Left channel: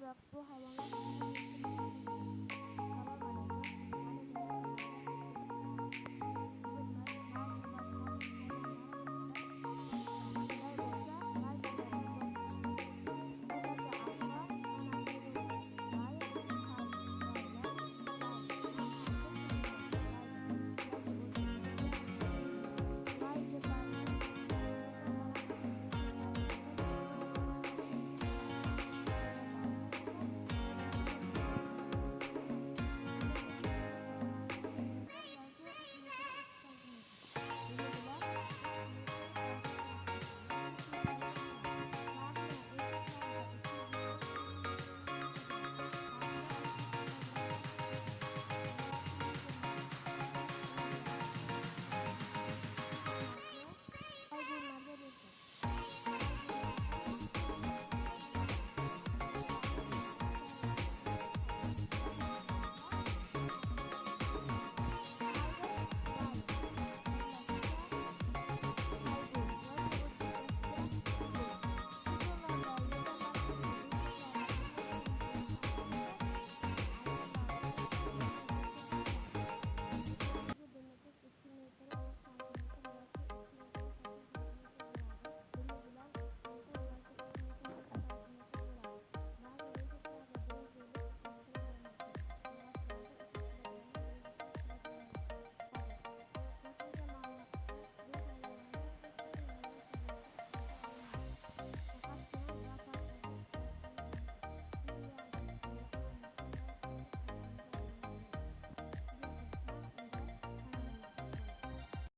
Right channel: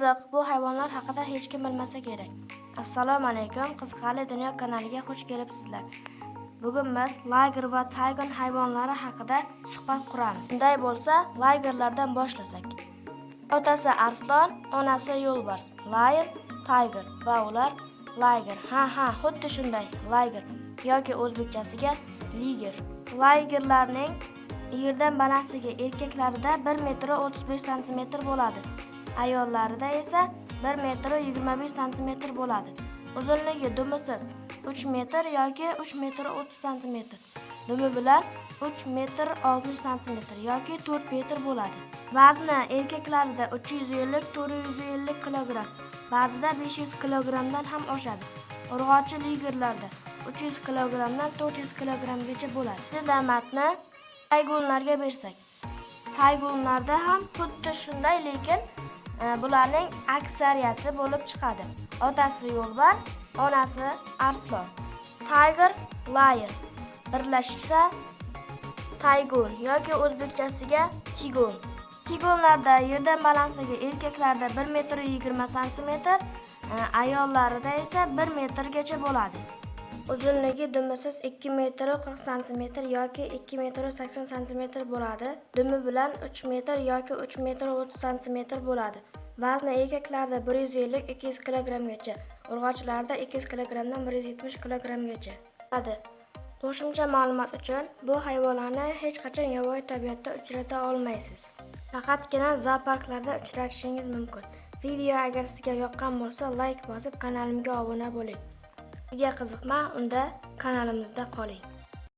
Qiziq, bu hayvonlar haqida hech kim bilmasa kerak. Assalomu alaykum, Qiziqarli dunyo kanaliga xush kelibsizlar. Bugun biz layger va taygon hayvonlari haqida suhbat quramiz. Unday bo'lsa, laygerlardan boshlasak. Otasi arslon, onasi yo'lbars. Layger, tayger va ular layger. Ha, xuddi shunday, layger yoki o'zbekchasiga liger. Laygerlarning yerdan balandligi erkaklarida 1,35 m bo'ladi. Ayollarida esa 1,25 m bo'ladi. Uzunligi dumisi 3 metr yoki 3,30 m. Dumi bilan 3,60 m yoki 4 metr bo'ladi. Vazni erkaklarida 350-450 kg, ba'zida 500 kg dan ham oshadi. Urg'ochi ligerlarda 300 kg dan 400 kg gacha bo'ladi. Damatni taygonlarga bersak, taygonlarda ham xuddi shunday, lekin bularning aksariyati bo'lib chiqadi. Otasi yo'lbars, onasi arslon. Tayger, layger birlashsa taygon yoki o'zbekchasiga tigon. Tigonlarda yerdan balandligi erkaklarda 1,20 m, ayollarida esa 1 metrgacha bo'ladi. Uzunligi dumisiz 2,40 m yoki 2,80 m bo'ladi. Dumi bilan 3 metr yoki 3,30 m bo'ladi. Vazni erkaklarda 150-200 kg gacha, urg'ochilarda 200 kg dan 170 kg gacha. Qo'shimcha ma'lumot uchun, bu hayvonlarni hech qachon yovvoyi tabiatda uchrata olmaysiz. Faqatgina zooparklarda uchratishingiz mumkin. Video agar sizga yoqqan bo'lsa, like bosib, kanalimga obuna bo'ling. Agar qiziqma, unda kanalimizda qoling.